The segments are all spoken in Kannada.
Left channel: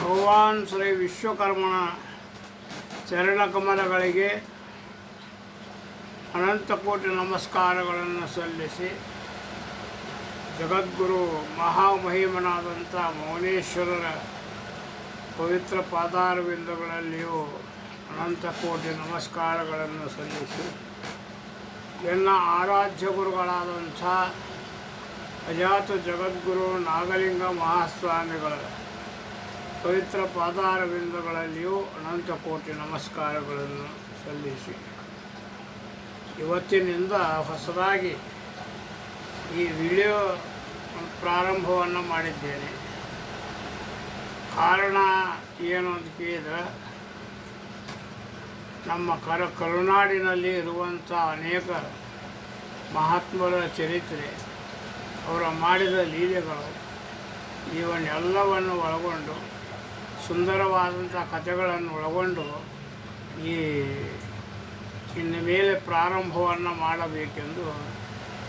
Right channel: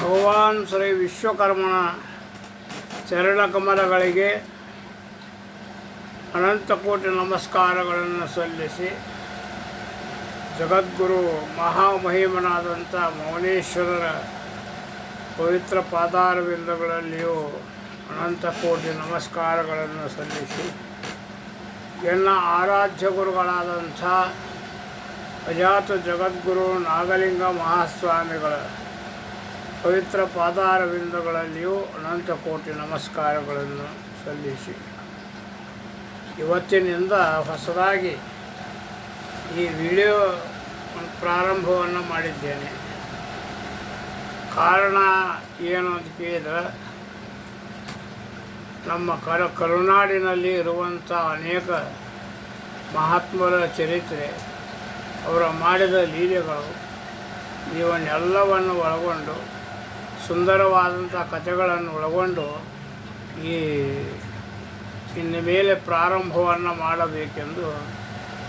ಭಗವಾನ್ ಶ್ರೀ ವಿಶ್ವಕರ್ಮನ ಚರಣಕಮಲಗಳಿಗೆ ಅನಂತಕೋಟಿ ನಮಸ್ಕಾರಗಳನ್ನು ಸಲ್ಲಿಸಿ ಜಗದ್ಗುರು ಮಹಾಮಹಿಮನಾದಂಥ ಮೌನೇಶ್ವರರ ಪವಿತ್ರ ಪಾದಾರವಿಂದಗಳಲ್ಲಿಯೂ ಅನಂತಕೋಟಿ ನಮಸ್ಕಾರಗಳನ್ನು ಸಲ್ಲಿಸಿ ಎಲ್ಲ ಆರಾಧ್ಯ ಗುರುಗಳಾದಂಥ ಅಜಾತ ಜಗದ್ಗುರು ನಾಗಲಿಂಗ ಮಹಾಸ್ವಾಮಿಗಳ ಪವಿತ್ರ ಪಾದಾರವಿಂದಗಳಲ್ಲಿಯೂ ಅನಂತಕೋಟಿ ನಮಸ್ಕಾರಗಳನ್ನು ಸಲ್ಲಿಸಿ ಇವತ್ತಿನಿಂದ ಹೊಸದಾಗಿ ಈ ವಿಡಿಯೋ ಪ್ರಾರಂಭವನ್ನು ಮಾಡಿದ್ದೇನೆ. ಕಾರಣ ಏನು ಅಂತ ಕೇಳಿದರೆ, ನಮ್ಮ ಕರುನಾಡಿನಲ್ಲಿ ಇರುವಂಥ ಅನೇಕ ಮಹಾತ್ಮರ ಚರಿತ್ರೆ, ಅವರ ಮಾಡಿದ ಲೀಲೆಗಳು, ಇವನ್ನೆಲ್ಲವನ್ನು ಒಳಗೊಂಡು ಸುಂದರವಾದಂಥ ಕಥೆಗಳನ್ನು ಒಳಗೊಂಡು ಇನ್ನು ಮೇಲೆ ಪ್ರಾರಂಭವನ್ನು ಮಾಡಬೇಕೆಂದು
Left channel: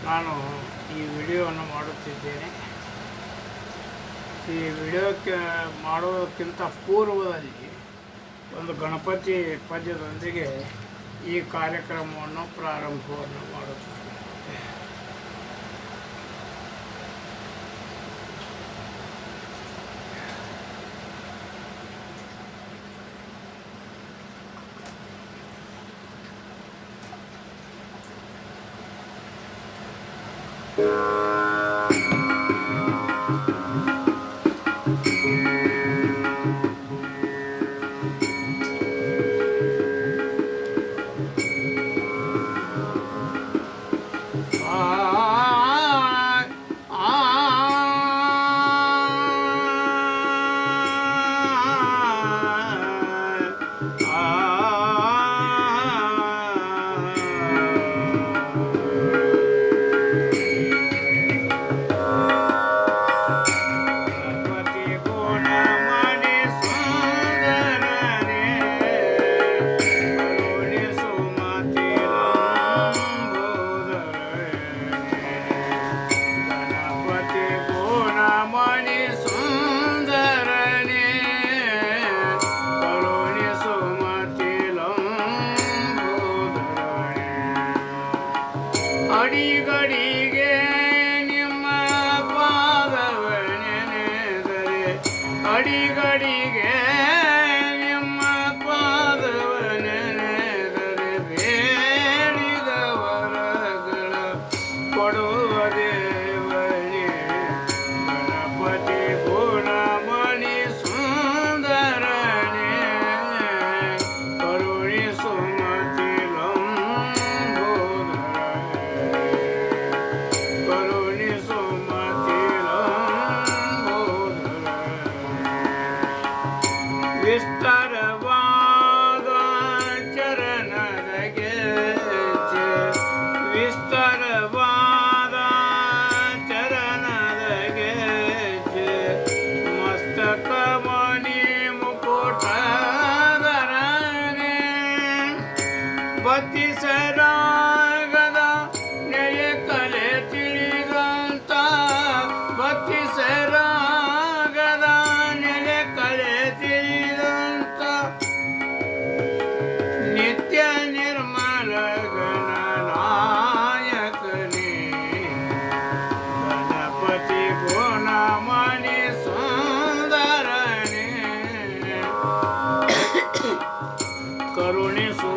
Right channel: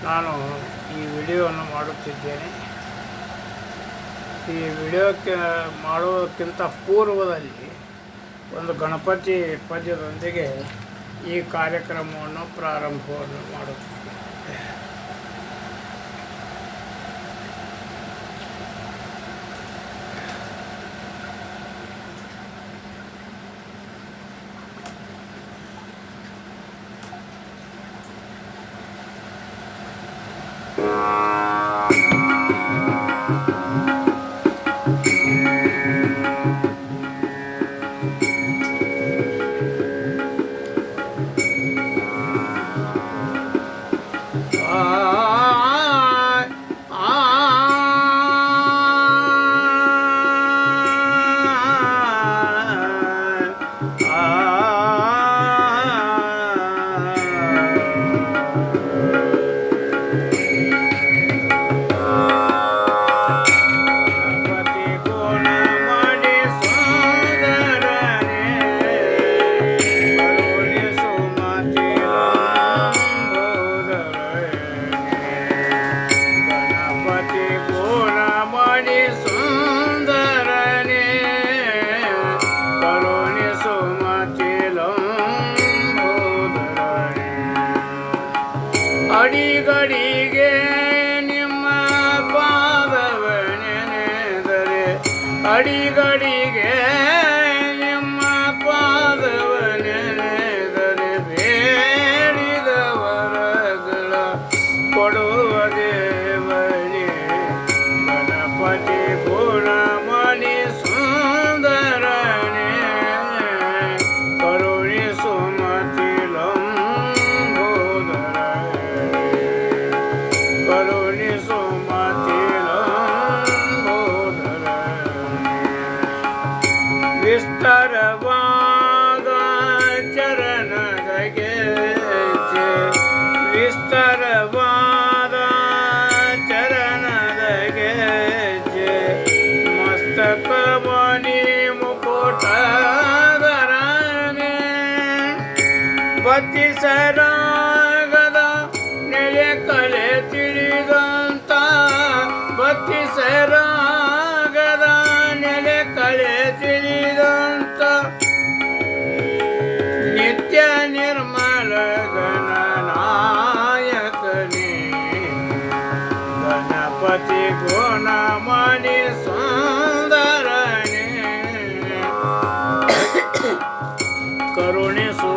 ನಾನು ಈ ವಿಡಿಯೋವನ್ನು ಮಾಡುತ್ತಿದ್ದೇನೆ. ಈ ವಿಡಿಯೋಕ್ಕೆ ಮಾಡುವುದಕ್ಕಿಂತ ಪೂರ್ವದಲ್ಲಿ ಒಂದು ಗಣಪತಿ ಪದ್ಯದೊಂದಿಗೆ ಈ ಕಾರ್ಯಕ್ರಮವನ್ನು ಪ್ರಾರಂಭವನ್ನು ಮಾಡುತ್ತೇನೆ. ಅಡಿಗಡಿಗೆ ನಿಮ್ಮ ಪಾದವ ನೆನೆದರೆ, ಅಡಿಗಡಿಗೆ ನಿಮ್ಮ ಪಾದವ ನೆನೆದರೆ, ಬೇಡಿದ ವರಗಳ ಕೊಡುವ ದೇವನೇ ಗಣಪತಿ ಗುಣಮಣಿ ಸುಂದರನೇ ಕರುಣಿಸು ವಿಸ್ತಾರವಾದ ಚರಣದ ಗೆಜ್ಜೆ, ವಿಸ್ತಾರವಾದ ಚರಣದ ಗೆಜ್ಜೆ, ಮಸ್ತಕ ಮಣಿ ಮುಕುಟಧರನೇ, ಬತ್ತಿಸರಾಗದ ನೆಲೆ ಕಲೆ ತಿಳಿದಂತ, ಬತ್ತಿಸರಾಗದ ನೆಲೆ ಕಲೆ ತಿಳಿದಂತ ನಿತ್ಯ ನಿರ್ಮಲ ಗಣನಾಯಕನೇ ಗಣಪತಿ ಗುಣಮಣಿ ಸುಂದರನೇ ಕರುಣಿಸು